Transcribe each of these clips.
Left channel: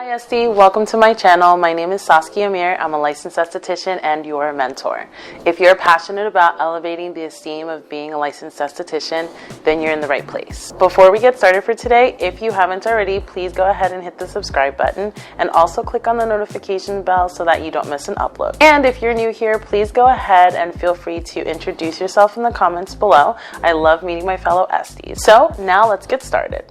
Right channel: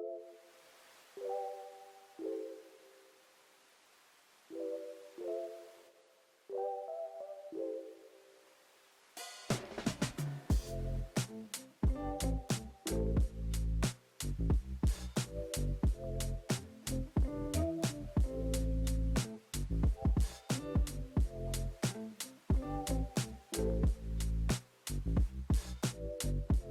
Hi Esty, welcome to my channel. My name is Saskia Amir. I'm a licensed esthetician and your mentor. If you're passionate about elevating the esteem of being a licensed esthetician, then you're in the right place. Before we get started for today, if you haven't already, please go ahead and hit the subscribe button and also click on the notification bell so that you don't miss an upload. And if you're new here, please go ahead and feel free to introduce yourself in the comments below. I love meeting my fellow Esties. So now let's get started.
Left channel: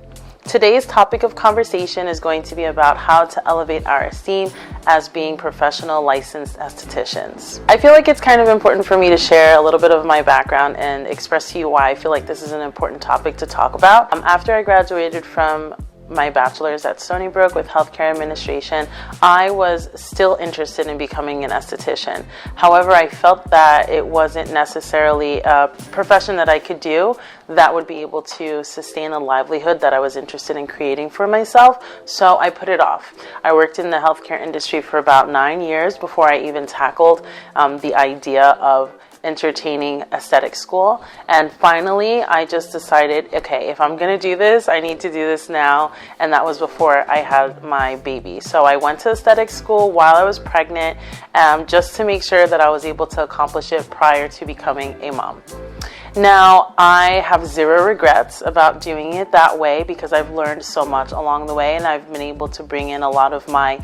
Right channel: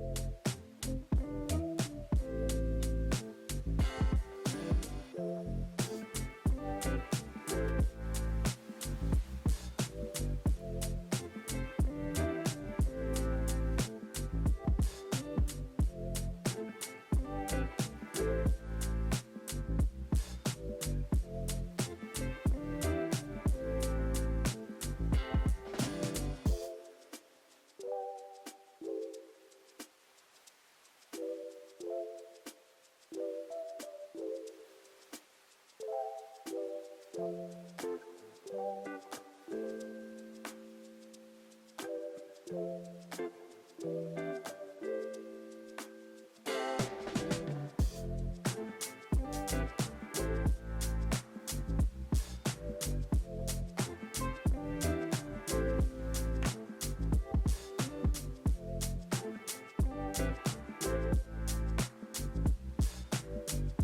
Today's topic of conversation is going to be about how to elevate our esteem as being professional licensed estheticians. I feel like it's kind of important for me to share a little bit of my background and express to you why I feel like this is an important topic to talk about. After I graduated from my bachelor's at Stony Brook with healthcare administration, I was still interested in becoming an esthetician. However, I felt that it wasn't necessarily a profession that I could do that would be able to sustain a livelihood that I was interested in creating for myself, so I put it off. I worked in the healthcare industry for about 9 years before I even tackled the idea of entertaining aesthetic school, and finally I just decided, okay, if I'm gonna do this, I need to do this now, and that was before I had my baby. So I went to aesthetic school while I was pregnant, just to make sure that I was able to accomplish it prior to becoming a mom. Now, I have zero regrets about doing it that way because I've learned so much along the way, and I've been able to bring in a lot of my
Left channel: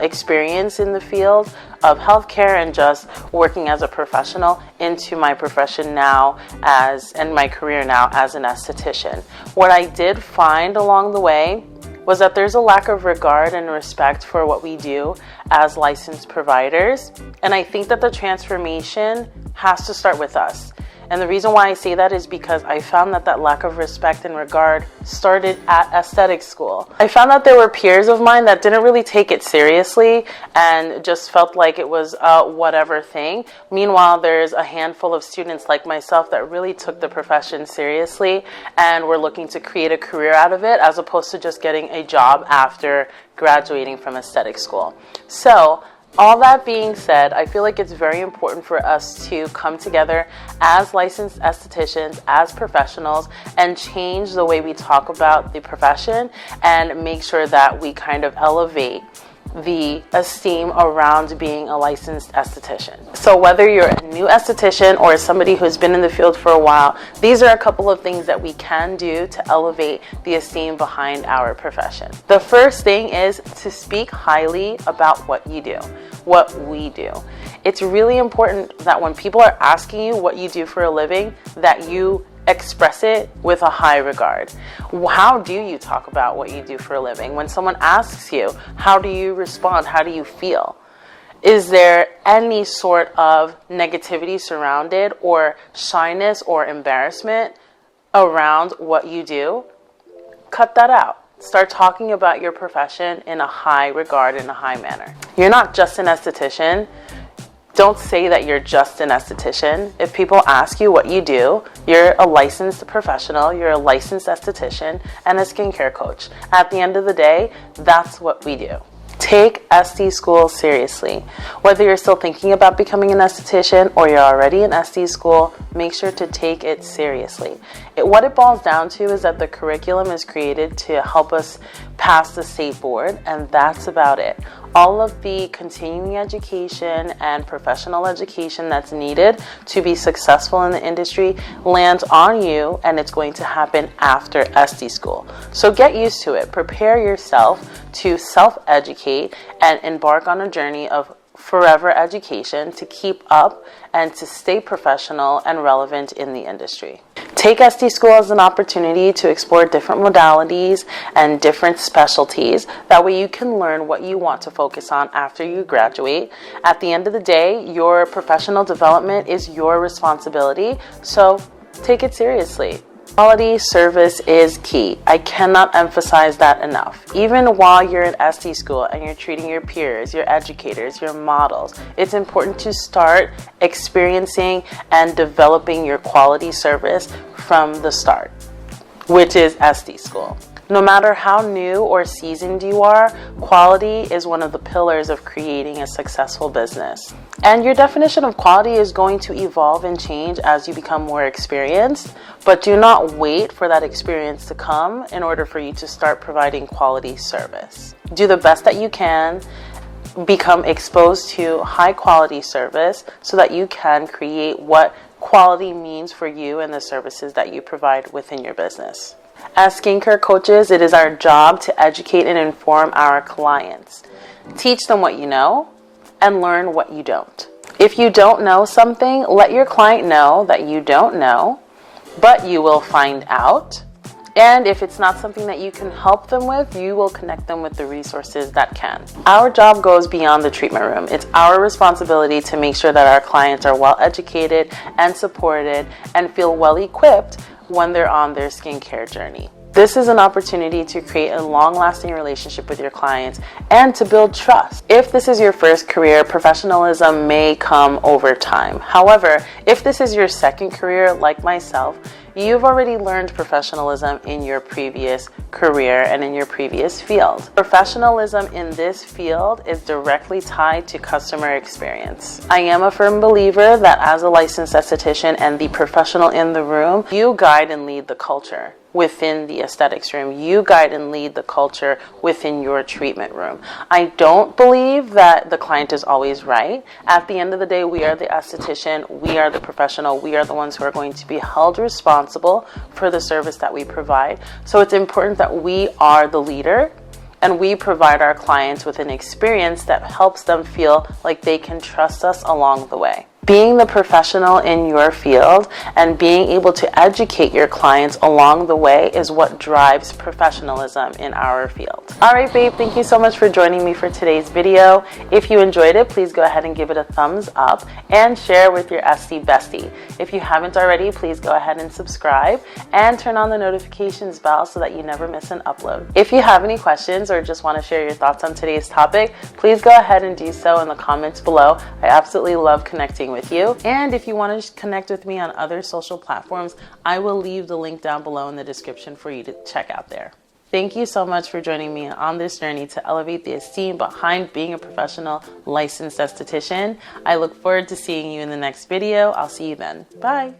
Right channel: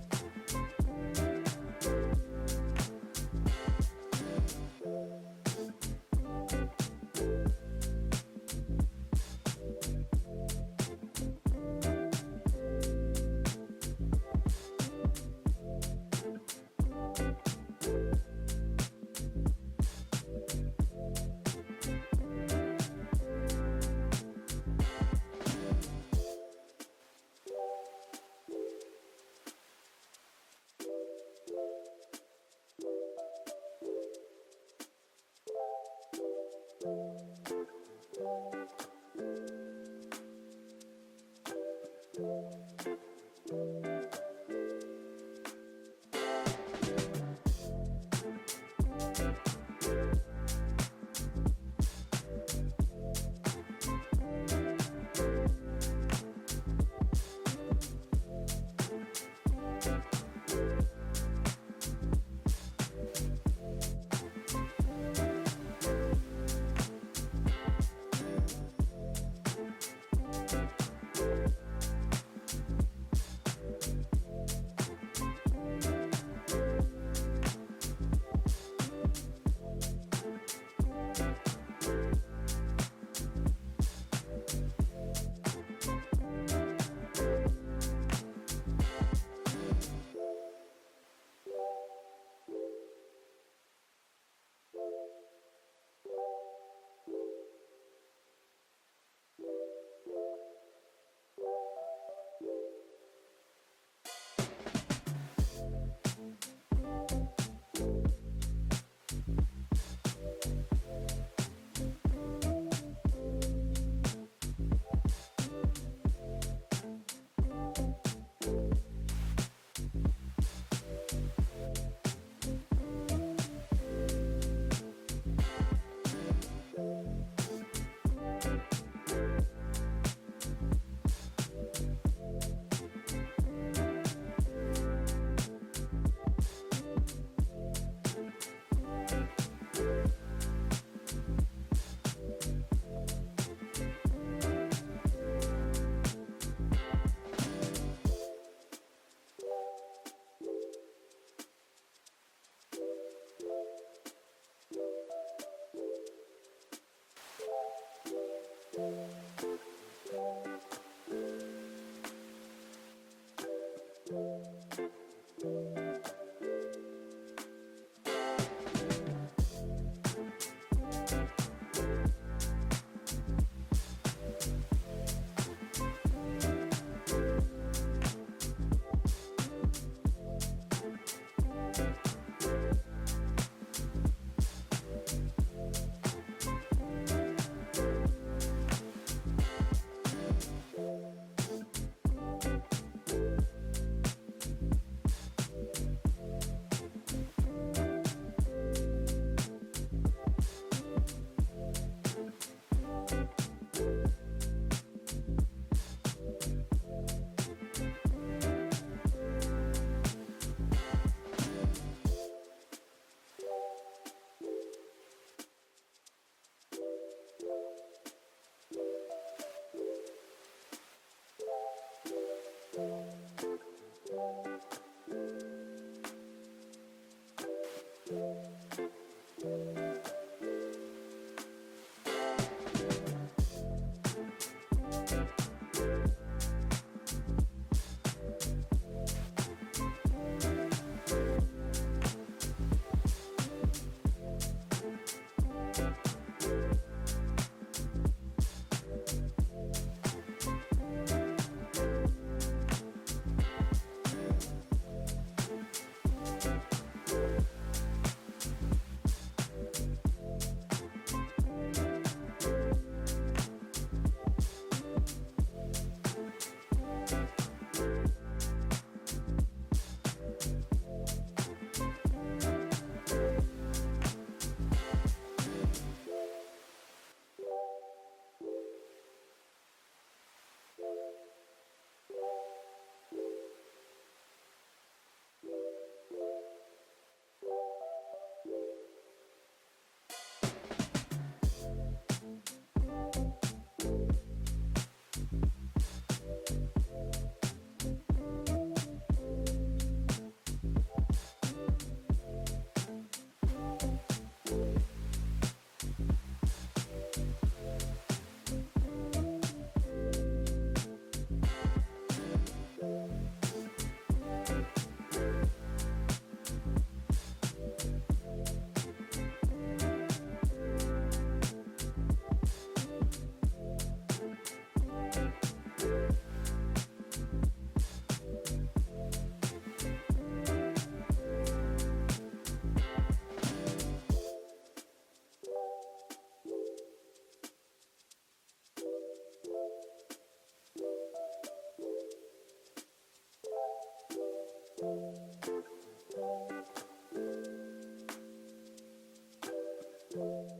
experience in the field of healthcare and just working as a professional into my profession now and my career now as an esthetician. What I did find along the way was that there's a lack of regard and respect for what we do as licensed providers, and I think that the transformation has to start with us. And the reason why I say that is because I found that lack of respect and regard started at aesthetic school. I found that there were peers of mine that didn't really take it seriously and just felt like it was a whatever thing. Meanwhile, there's a handful of students like myself that really took the profession seriously and were looking to create a career out of it as opposed to just getting a job after graduating from aesthetic school. So, all that being said, I feel like it's very important for us to come together as licensed estheticians, as professionals, and change the way we talk about the profession and make sure that we kind of elevate the esteem around being a licensed esthetician. So whether you're a new esthetician or somebody who's been in the field for a while, these are a couple of things that we can do to elevate the esteem behind our profession. The first thing is to speak highly about what you do, what we do. It's really important that when people are asking you what you do for a living, that you express it with a high regard. How do you talk about what you do for a living? When someone asks you, how do you respond? How do you feel? Is there any sort of negativity surrounded or shyness or embarrassment around what you do? Cut that out. Start talking about your profession in a high regard, in a high manner. You're not just an esthetician. Don't say that you're just an esthetician. If people ask you what you do, you're a licensed professional, you're a licensed esthetician, and a skincare coach. At the end of the day, that's what we do. Take ST school seriously. Whether you're still thinking about becoming an esthetician or you're already in ST school, make sure to take it seriously. What it boils down to is that the curriculum is created to help us pass the state board, and that's about it. All of the continuing education and professional education that's needed to be successful in the industry lands on you, and it's going to happen after ST school. So get used to it. Prepare yourself to self-educate and embark on a journey of forever education to keep up and to stay professional and relevant in the industry. Take ST school as an opportunity to explore different modalities and different specialties. That way you can learn what you want to focus on after you graduate. At the end of the day, your professional development is your responsibility, so take it seriously. Quality service is key. I cannot emphasize that enough. Even while you're in ST school and you're treating your peers, your educators, your models, it's important to start experiencing and developing your quality service from the start, which is ST school. No matter how new or seasoned you are, quality is one of the pillars of creating a successful business. And your definition of quality is going to evolve and change as you become more experienced, but do not wait for that experience to come in order for you to start providing quality service. Do the best that you can, become exposed to high quality service so that you can create what quality means for you and the services that you provide within your business. As skincare coaches, it is our job to educate and inform our clients. Teach them what you know and learn what you don't. If you don't know something, let your client know that you don't know, but you will find out. And if it's not something that you can help them with, you will connect them with the resources that can. Our job goes beyond the treatment room. It's our responsibility to make sure that our clients are well educated and supported and feel well equipped when they're on their skincare journey. This is an opportunity to create a long-lasting relationship with your clients and to build trust. If this is your first career, professionalism may come over time. However, if this is your second career, like myself, you've already learned professionalism in your previous career and in your previous field. Professionalism in this field is directly tied to customer experience. I am a firm believer that as a licensed esthetician and the professional in the room, you guide and lead the culture within the aesthetics room. You guide and lead the culture within your treatment room. I don't believe that the client is always right. At the end of the day, we are the esthetician, we are the professional, we are the ones who are going to be held responsible for the service that we provide. So it's important that we are the leader and we provide our clients with an experience that helps them feel like they can trust us along the way. Being the professional in your field and being able to educate your clients along the way is what drives professionalism in our field. All right, babe, thank you so much for joining me for today's video. If you enjoyed it, please go ahead and give it a thumbs up and share with your Esty bestie. If you haven't already, please go ahead and subscribe and turn on the notifications bell so that you never miss an upload. If you have any questions or just want to share your thoughts on today's topic, please go ahead and do so in the comments below. I absolutely love connecting with you. And if you want to connect with me on other social platforms, I will leave the link down below in the description for you to check out there. Thank you so much for joining me on this journey to elevate the esteem behind being a professional licensed esthetician. I look forward to seeing you in the next video. I'll see you then. Bye.